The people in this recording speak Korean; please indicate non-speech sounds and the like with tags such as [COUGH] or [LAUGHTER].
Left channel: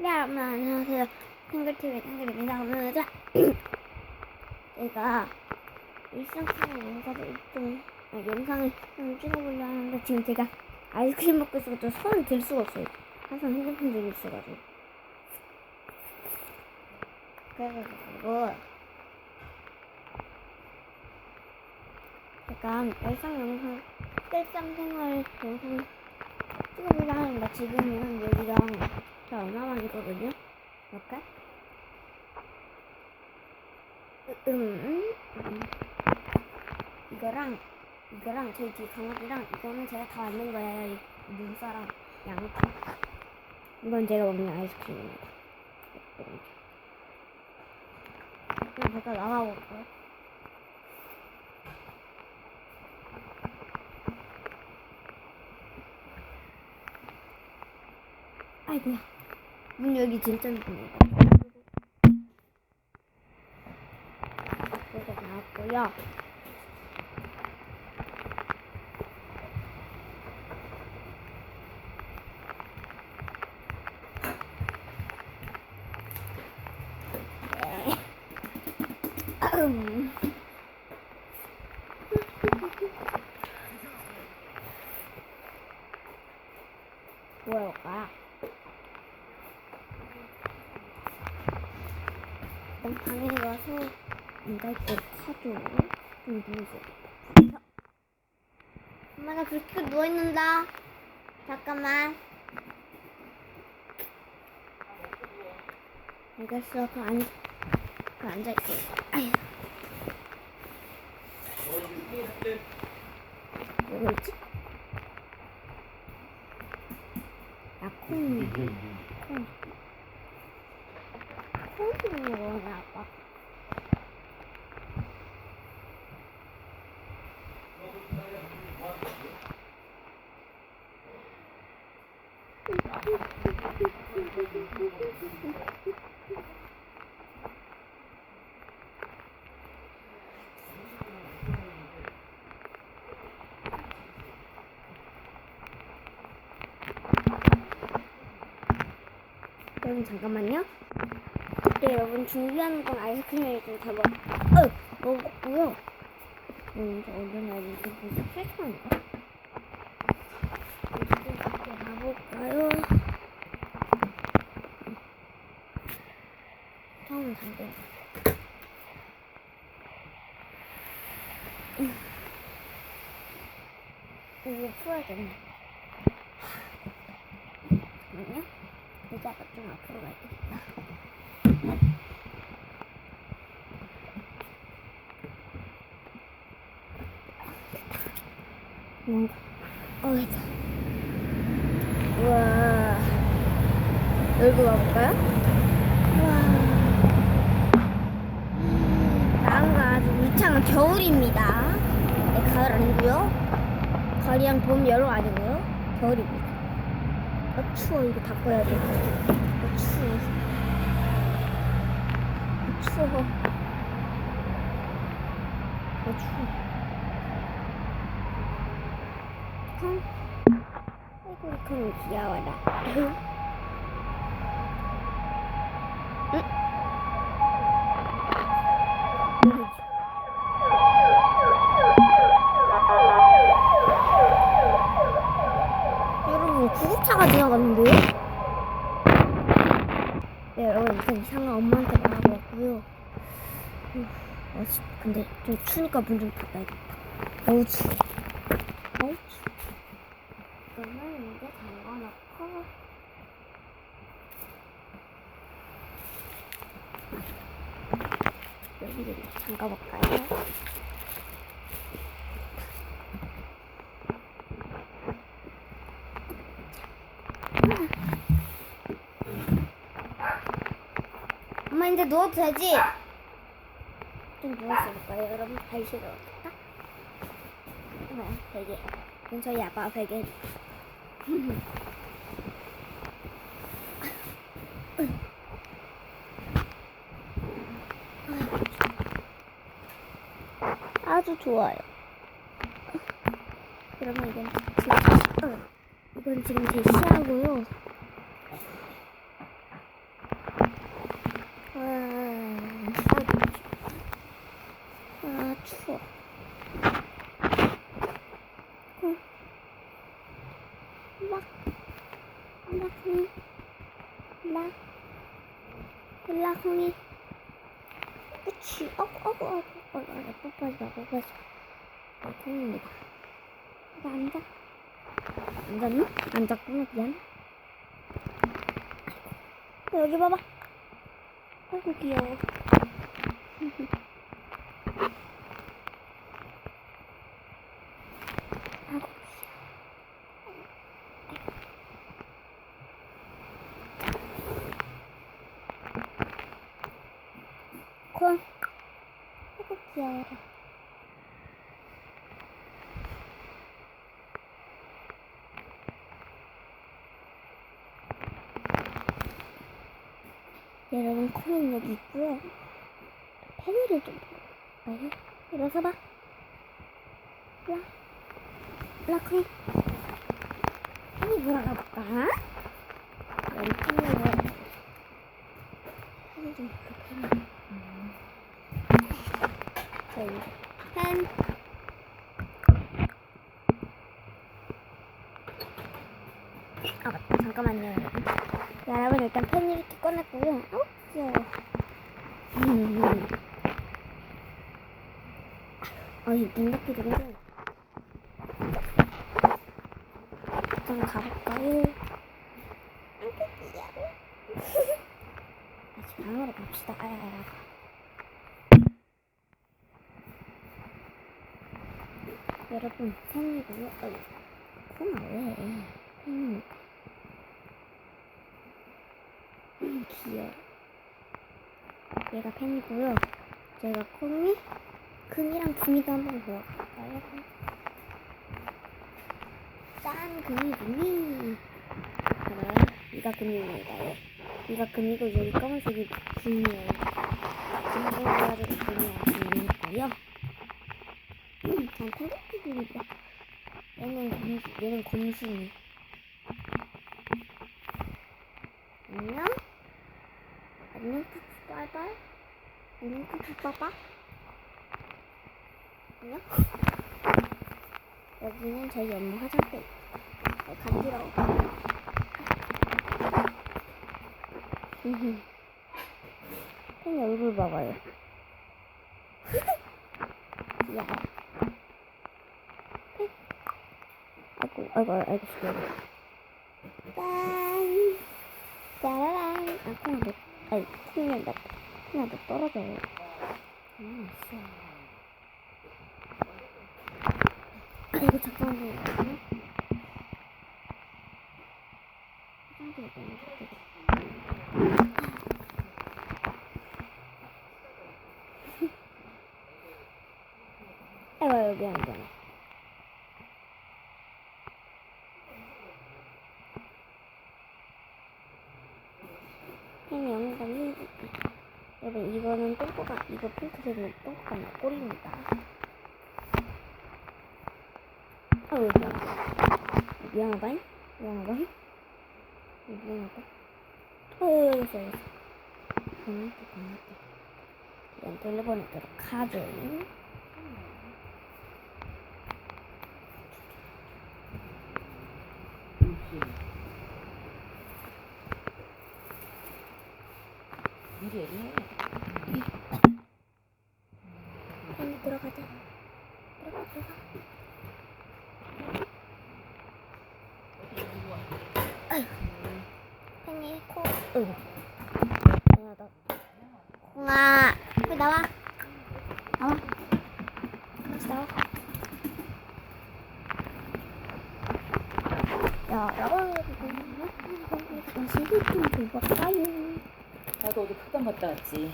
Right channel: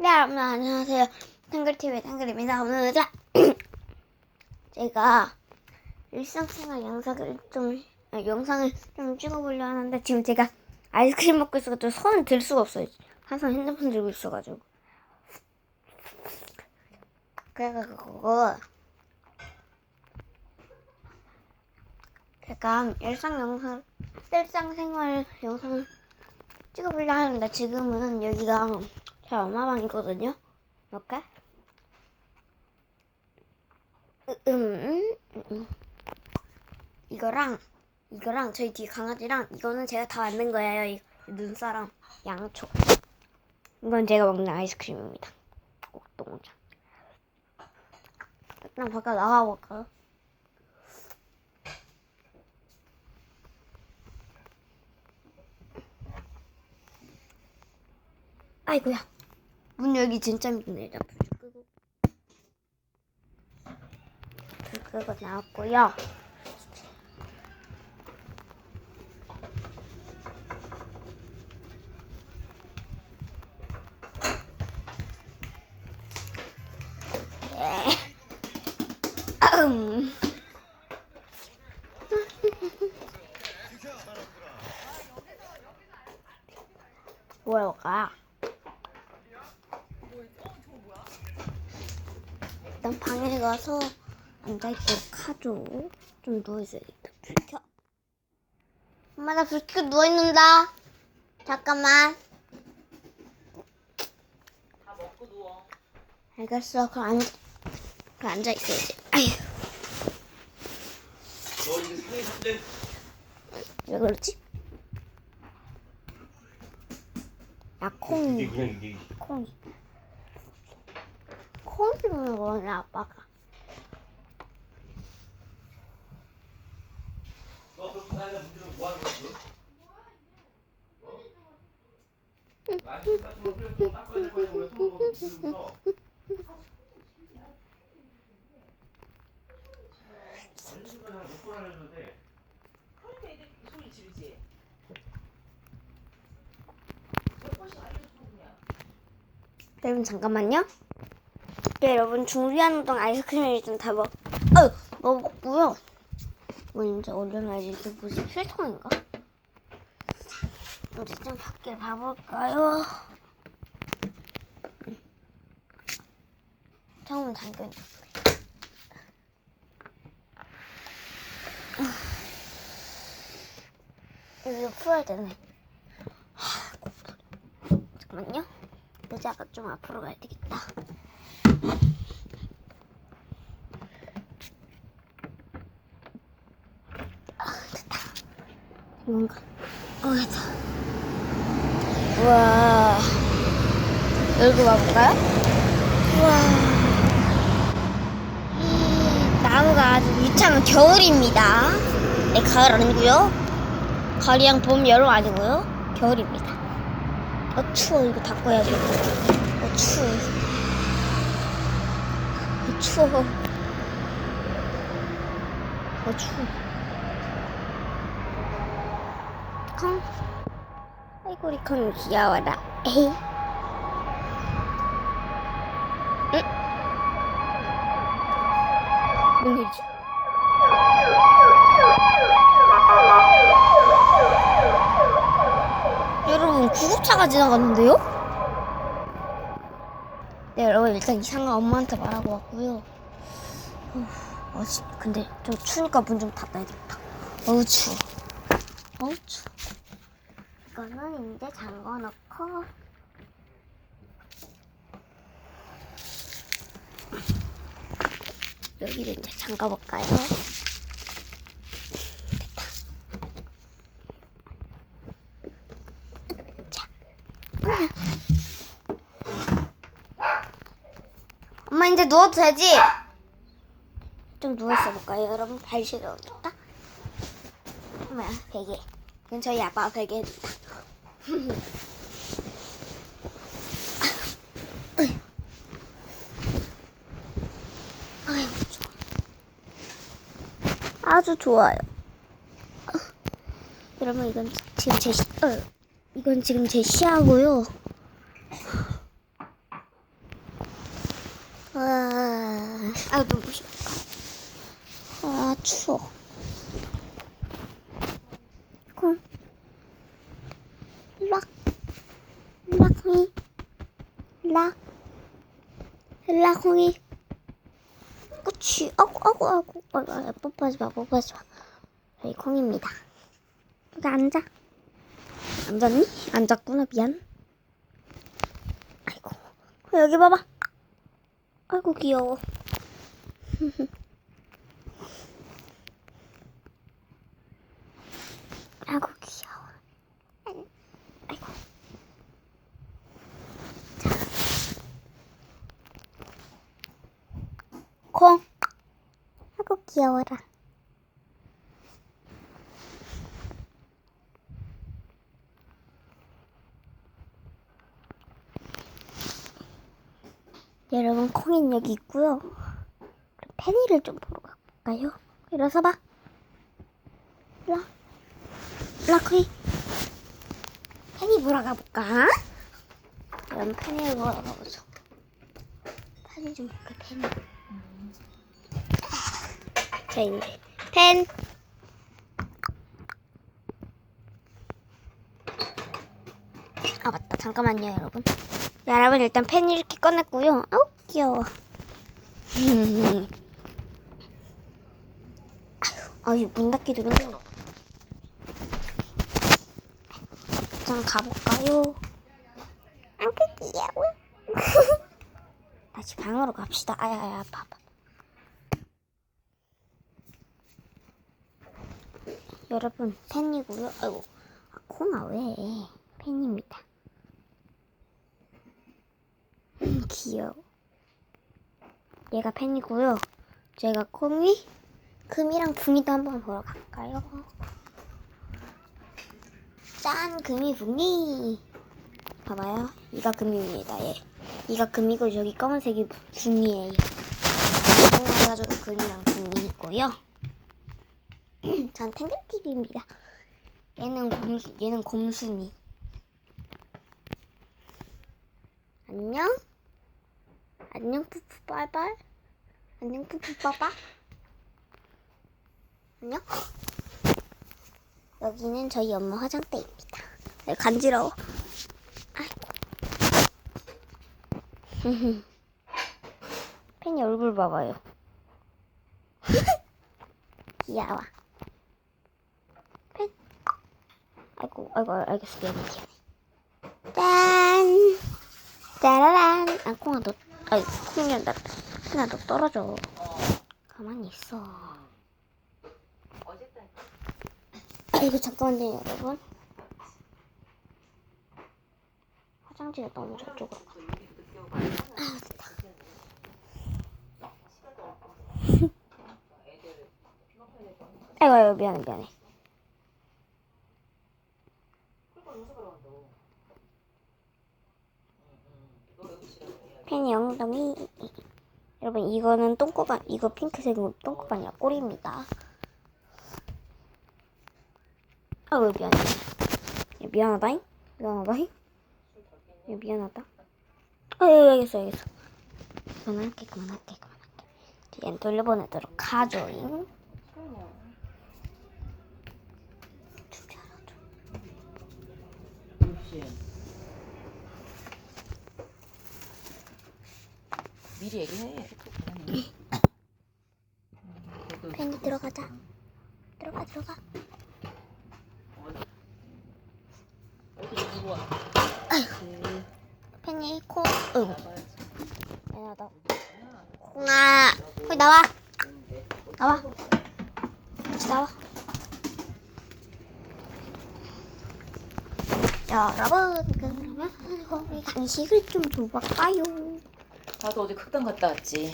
네, 여러분 안녕하세요. 탱글TV의 탱글입니다. 오늘은 자, [CLEARS THROAT] 제가 일상생활 영상을 좀 아, 영상을 좀 찍어보려 하는데 지금 제가 아이스크림 먹고 있어가지고 손을 들 수가 없어요. 항상 핸드폰 들고 있어가지고. 그래가지고 제가 일상 영상, 일상생활 영상을 찍어보려 하는데 지금은 여기가 제 엄마방이거든요. 이렇게. 으, 음, 음, 음. 이거랑 이거랑 저희 뒤 강아지랑 이거는 제가 다 만든 거예요. 이 눈사람, 양초. 이건 제가 먹는 아이스크림입니다. 옥동자. 그럼 잠깐 나가볼까요? 아이고야. 문 열기 진짜 힘듭니다. 그거 나왔고요. 네. 음. 뭐할까? 일단 방에 가서 앉아있도록 하죠. 좀 누워있어야겠다. 불 켜. 엄마 나 불 켜고 누워있는다. 잠깐만. 알겠어. 그럼 앉, 그럼 앉아있어야지. 아휴. 왜 그러지? 나 콩이. 주는 거네, 아빠가. 여러분 잠깐만요. 네, 여러분 준비하는 동안 아이스크림을 일단 다 먹, 어, 먹었고요. 이제 올려놔야지. 이게 무슨 필통인가? 이제 좀 밖에 봐볼까요? 처음 당근. 이거 풀어야 되네. 하, 잠깐만요. 의자가 좀 앞으로 가야 되겠다. 뭔가, 어, 됐다. 우와. 열고 가볼까요? 우와. 나무가 아주 유창한 겨울입니다. 네, 가을 아니고요. 가을이랑 봄, 여름 아니고요. 겨울입니다. 아 추워 이거 닦아야 돼. 아 추워. 아 추워. 아 추워. 康. 아이고 우리 康귀여워라. 에이. 응? 뭐지? 여러분 구급차가 지나갔는데요? 네 여러분 일단 이상한 엄마한테 말하고 왔고요. 후, 어, 씨, 근데 좀 추우니까 문 좀 닫아야겠다. 너무 추워. 너무 추워. 이거는 이제 잠궈 놓고 여기를 이제 잠가볼까요? 엄마 이제 누워도 되지? 좀 누워있어 볼까요 여러분? 발 시려웠다. 뭐야 베개. 이건 저희 아빠 베개입니다 아주 좋아요. 여러분 이건 지금 제 시, 어, 이건 지금 제 시야고요 추워. 콩. 락. 락콩이. 락. 락콩이. 그치. 아구, 아구, 아구. 아구, 아구, 뽀뽀하지 마, 뽀뽀하지 마. 저희 콩입니다. 여기 앉아. 앉았니? 앉았구나, 미안. 아이고. 여기 봐봐. 아이고, 귀여워. [LAUGHS] 아이고, 귀여워. 아이고. 콩. 아이고, 귀여워라. 여러분 콩인 여기 있고요. 페니를 좀 보러 갈까요? 일어서 봐. 라, 라콩이. 페니 보러 가볼까? 그럼 페니를 보러 가보자. 페니 좀 볼까 페니. 자 이제 펜. 아 맞다 잠깐만요 여러분. 네, 여러분 일단 펜 이렇게 꺼냈고요. 아우 귀여워. [LAUGHS] 아유 문 닫기도 힘들어. 좀 가볼까요? 아우 귀여워. [LAUGHS] 다시 방으로 갑시다. 아야야 아파. 여러분 펜이고요. 아이고 코나 왜 펜입니다. 음, 귀여워. 얘가 펜이고요. 제가 콩이, 금이랑 붕이도 한번 보러 갈까요? 짠, 금이, 붕이. 봐봐요. 이가 금입니다, 얘. 이가 금이고 저기 검은색이 붕이에요. 그래가지고 금이랑 붕이 있고요. [CLEARS THROAT] 전 탱글피기입니다. 얘는 곰수, 얘는 곰순이. 안녕? 안녕 푸푸 빨빨 안녕 푸푸 빠빠 안녕 여기는 저희 엄마 화장대입니다. 네, 간지러워. [LAUGHS] 팬이 얼굴 봐봐요. [LAUGHS] 귀여워. 팬 아이고 아이고 알겠어 미안해. 짠! 짜라란! 아 콩아 너 아이 콩이야 나 콩아 너 떨어져. 가만히 있어 아이고 잠깐만요. 여러분 화장지가 너무 저쪽으로 아. 아이고 아이고 미안해 미안해. 펜이 엉덩이 여러분 이거는 똥꼬가 이거 핑크색은 똥꼬가 아니라 꼬리입니다 아유 미안하다 미안하다잉? 미안하다잉? 미안하다. 아유 알겠어 알겠어. 그만할게 그만할게 그만할게 얘는 돌려보내도록 하죠잉? 미리 얘기해. [COUGHS] 펜이 들어가자. 들어가 들어가 코 어이구 미안하다 콩아 거기 나와. 나와. 같이 나와. 여러분. 거기 간식을 좀 줘볼까요. 나도 어제 극단 갔다 왔지.